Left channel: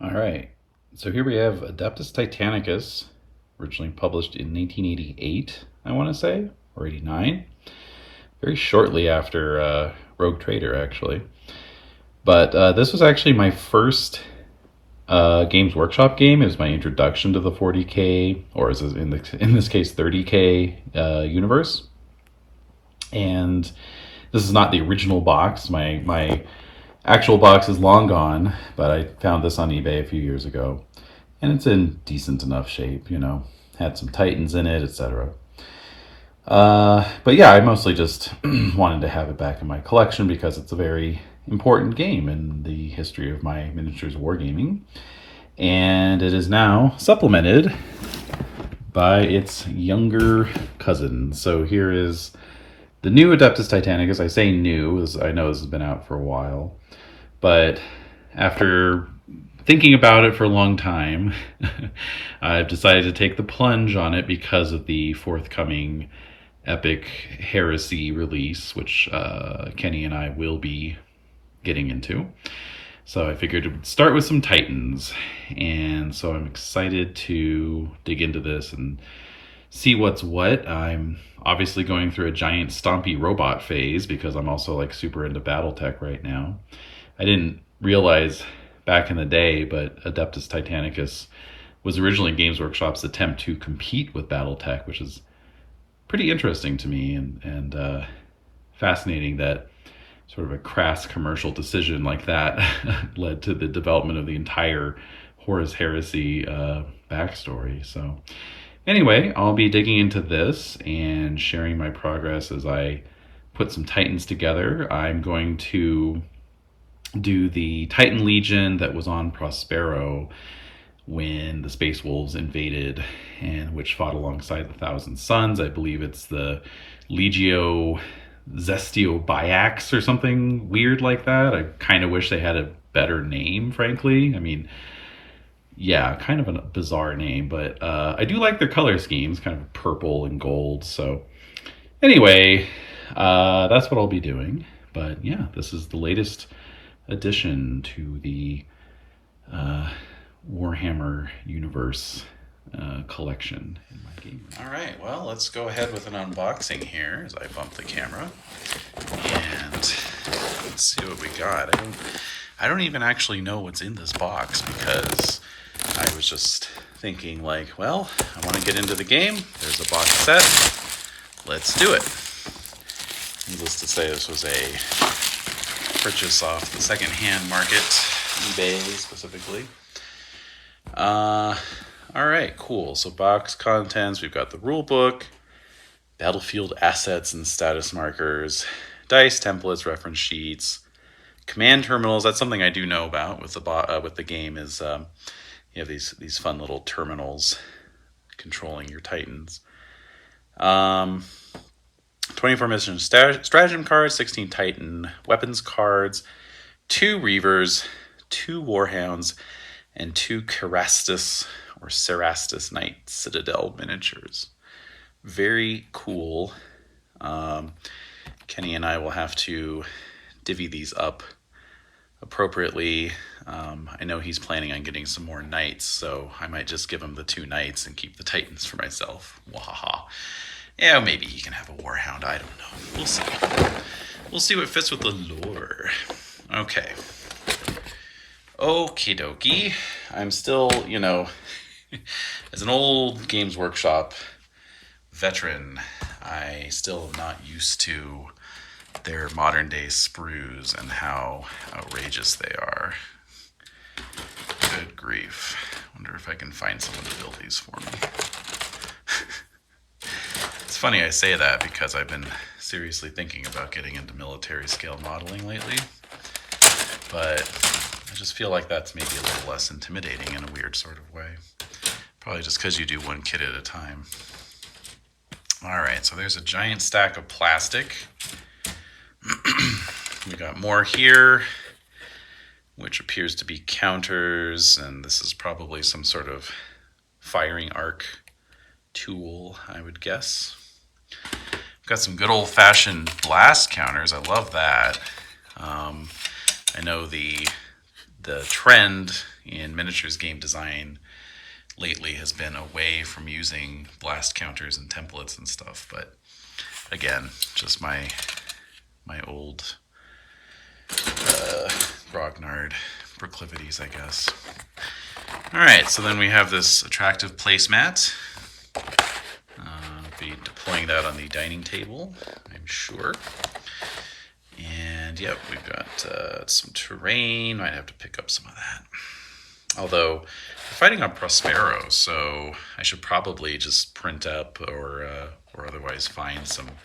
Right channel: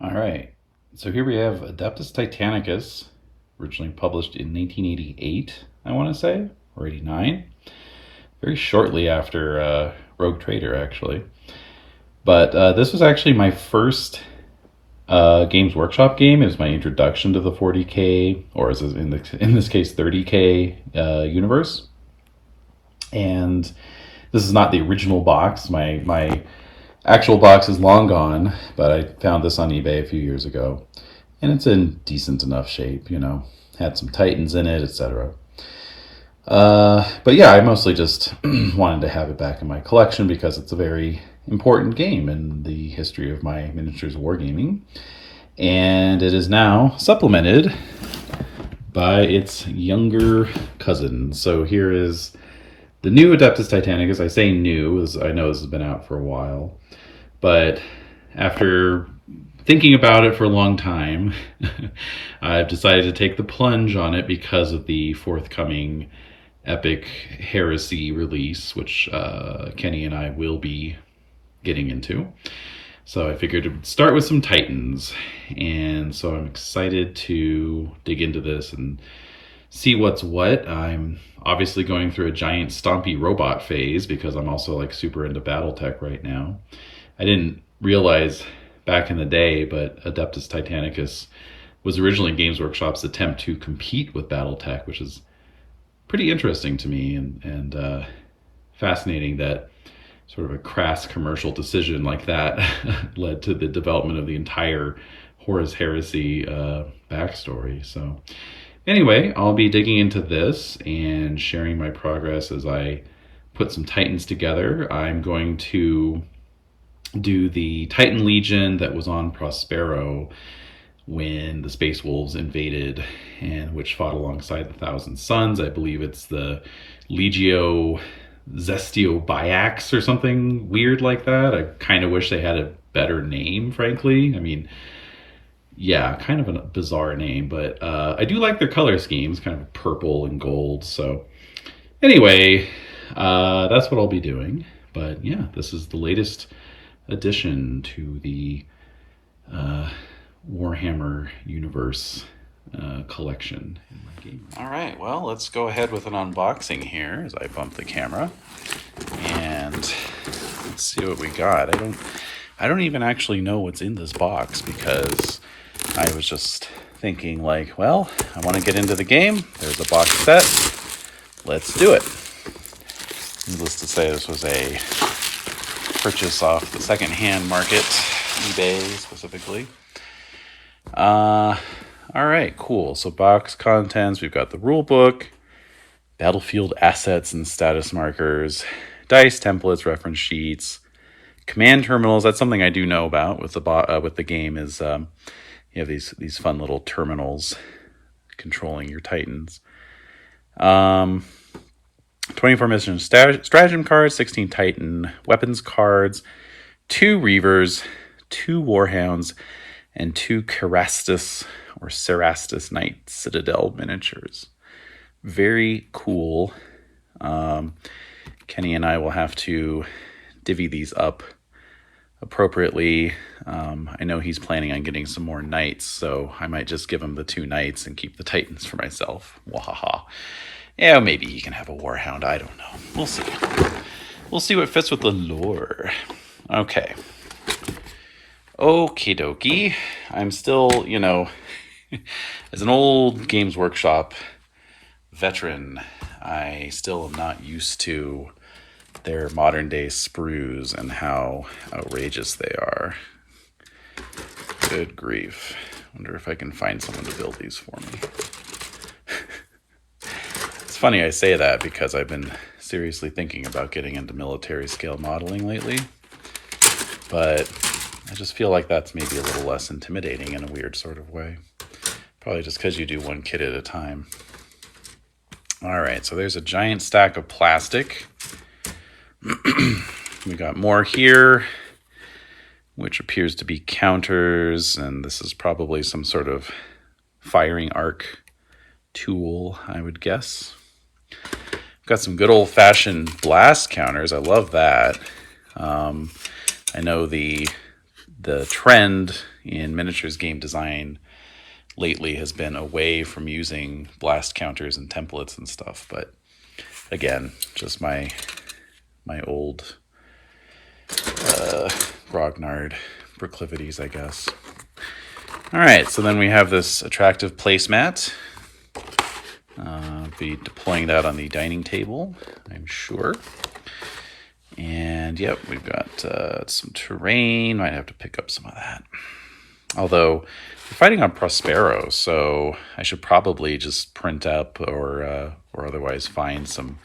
All right. So here we have Adeptus Titanicus, originally published in 1988, I want to say, or 89. Very shortly after Rogue Trader, actually. But this was actually my first Games Workshop game. It was my introduction to the 40K, or in this case 30K universe. And this is not the original box. My actual box is long gone, but I found this on eBay a few years ago, and it's in decent enough shape. Had some Titans in it, etc. But yeah, I mostly just wanted to have it back in my collection because it's a very important game in the history of my miniatures wargaming, and it is now supplemented by its younger cousin. So here is the new Adeptus Titanicus. I say new, as I know this has been out for a while, but after thinking about it for a long time, I've decided to take the plunge on it because of the forthcoming Epic Heresy release, which Kenny and I will be getting into. So I figured to start with some Titans, and so I'm excited to dig into this and see what's what. I'm obviously going through a giant stompy robot phase because I'm also like super into Battletech right now. I didn't realize back in the day, but Adeptus Titanicus was originally Games Workshop's attempt to compete with Battletech, which is pretty interesting to me and fascinating that sort of a crass commercial decision like that led to the development of the entire Horus Heresy backstory. So anyway, I'll be digging into this and sharing my progress as I put some Titans together. I'm going to do the Titan Legion that was on Prospero when the Space Wolves invaded, and which fought alongside the Thousand Suns. I believe it's the Legio Zestio Biax or something weird like that. I kind of wish they had a better name, frankly. I mean, yeah, kind of a bizarre name, but I do like their color schemes, kind of purple and gold. So anyway, that's what I'll be doing. But yeah, this is the latest addition to the Warhammer universe collection in my game. All right, well, let's go ahead with an unboxing here as I bump the camera, and let's see what we got. I don't even actually know what's in this box because I was just thinking like, well, I want to get into the game. There's a box set. Let's do it. Needless to say, this was a purchase off the secondhand market, eBay specifically. All right, cool. So box contents, we've got the rule book, battlefield assets and status markers, dice templates, reference sheets, command terminals. That's something I do know about with the game is you have these fun little terminals controlling your Titans. 24 mission stratagem cards, 16 Titan weapons cards, 2 Reavers, 2 Warhounds, and 2 Cerastus Knight Citadel miniatures. Very cool. Kenny and I will have to divvy these up appropriately. I know he's planning on getting some more knights, so I might just give him the 2 knights and keep the Titans for myself. Wahaha. Yeah, maybe he can have a Warhound. I don't know. We'll see. We'll see what fits with the lore. Okay. Okie dokie. I'm still, as an old Games Workshop veteran, I still am not used to their modern day sprues and how outrageous they are. Good grief. Wonder if I can find someone to build these for me. It's funny I say that because I've been seriously thinking about getting into military scale modeling lately, but I just feel like that's maybe a little less intimidating in a weird sort of way. Probably just because you do one kit at a time. All right, so there's a giant stack of plastic. We got more here, which appears to be counters, and this is probably some sort of firing arc tool, I would guess. Got some good old-fashioned blast counters. I love that. I know the the trend in miniatures game design lately has been away from using blast counters and templates and stuff. But again, just my old grognard proclivities, I guess. All right, so then we have this attractive placemat. I'll be deploying that on the dining table, I'm sure. And yep, we've got some terrain. Might have to pick up some of that. Although we're fighting on Prospero, so I should probably just print up or otherwise find some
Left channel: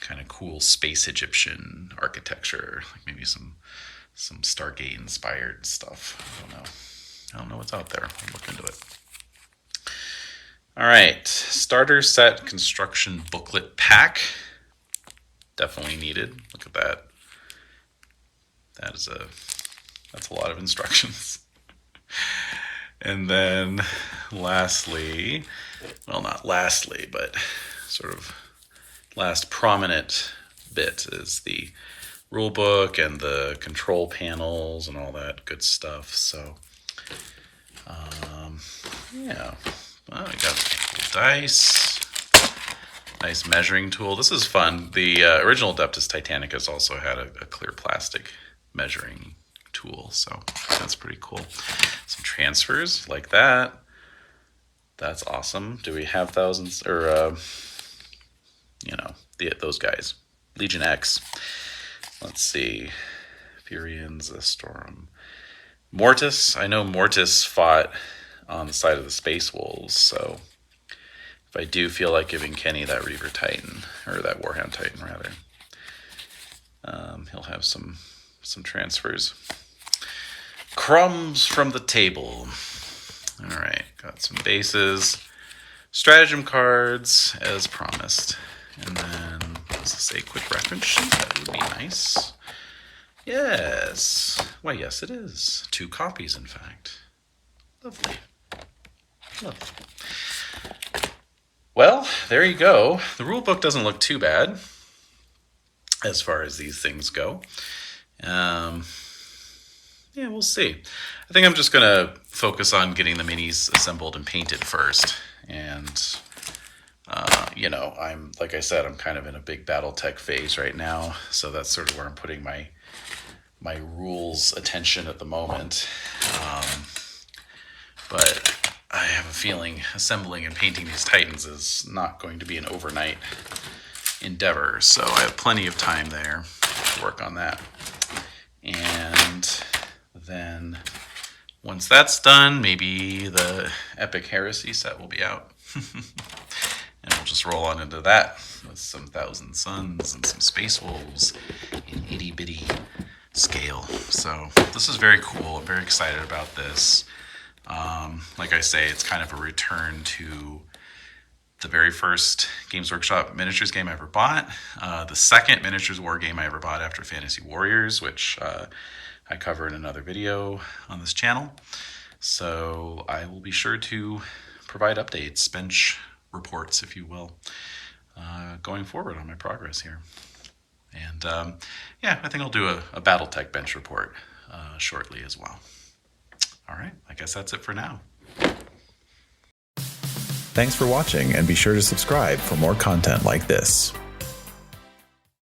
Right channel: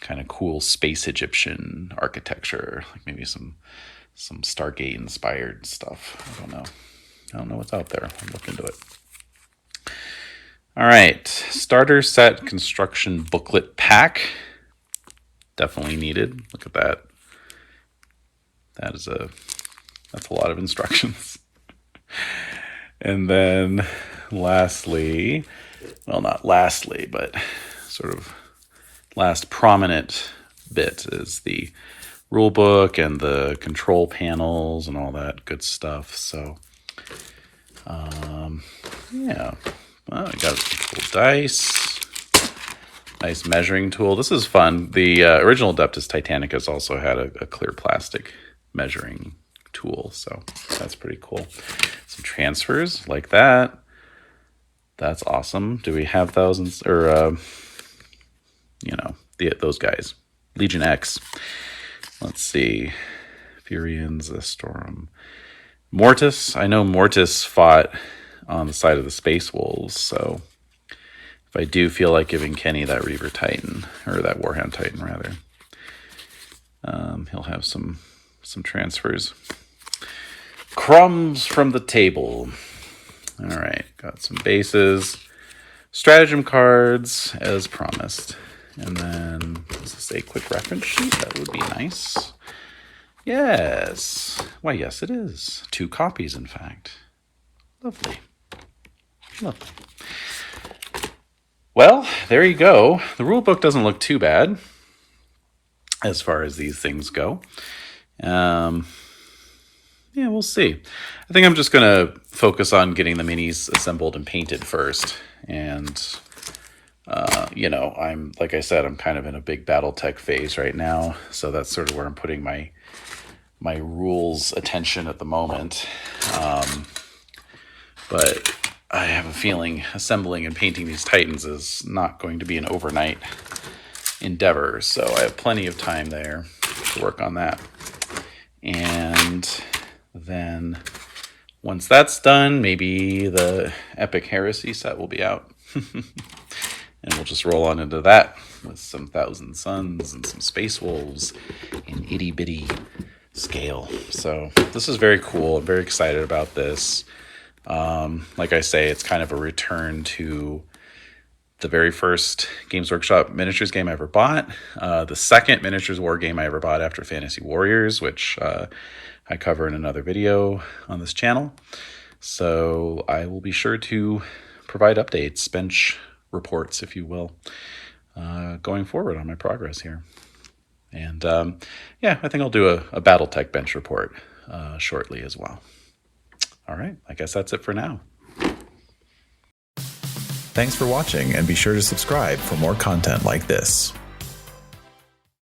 kind of cool space Egyptian architecture, like maybe some Stargate inspired stuff. I don't know what's out there. I'll look into it. All right, starter set construction booklet pack. Definitely needed. Look at that. That's a lot of instructions. And then lastly, well, not lastly, but sort of last prominent bit is the rule book and the control panels and all that good stuff. So, yeah, well, I got cool dice, nice measuring tool. This is fun. The original Adeptus Titanicus also had a clear plastic measuring tool, so that's pretty cool. Some transfers like that. That's awesome. Do we have thousands or those guys? Legion X. Let's see. Furians, Storm. Mortis. I know Mortis fought on the side of the Space Wolves, so if I do feel like giving Kenny that Reaver Titan, or that Warhound Titan rather, he'll have some transfers. Crumbs from the table. All right, got some bases, stratagem cards as promised, and then does this say quick reference sheet? That would be nice. Yes. Why, yes, it is. 2 copies, in fact. Lovely. Lovely. Well, there you go. The rule book doesn't look too bad as far as these things go. Yeah, we'll see. I think I'm just going to focus on getting the minis assembled and painted first. And, I'm, like I said, I'm kind of in a big BattleTech phase right now. So that's sort of where I'm putting my rules attention at the moment. But I have a feeling assembling and painting these Titans is not going to be an overnight endeavor. So I have plenty of time there to work on that. And then once that's done, maybe the Epic Heresy set will be out. And we'll just roll on into that with some Thousand Suns and some Space Wolves in itty bitty scale. So this is very cool. I'm very excited about this. Like I say, it's kind of a return to the very first Games Workshop miniatures game I ever bought. The second miniatures war game I ever bought after Fantasy Warriors, which I cover in another video on this channel. So I will be sure to provide updates, bench reports, if you will, going forward on my progress here. And yeah, I think I'll do a BattleTech bench report shortly as well. All right, I guess that's it for now. Thanks for watching, and be sure to subscribe for more content like this.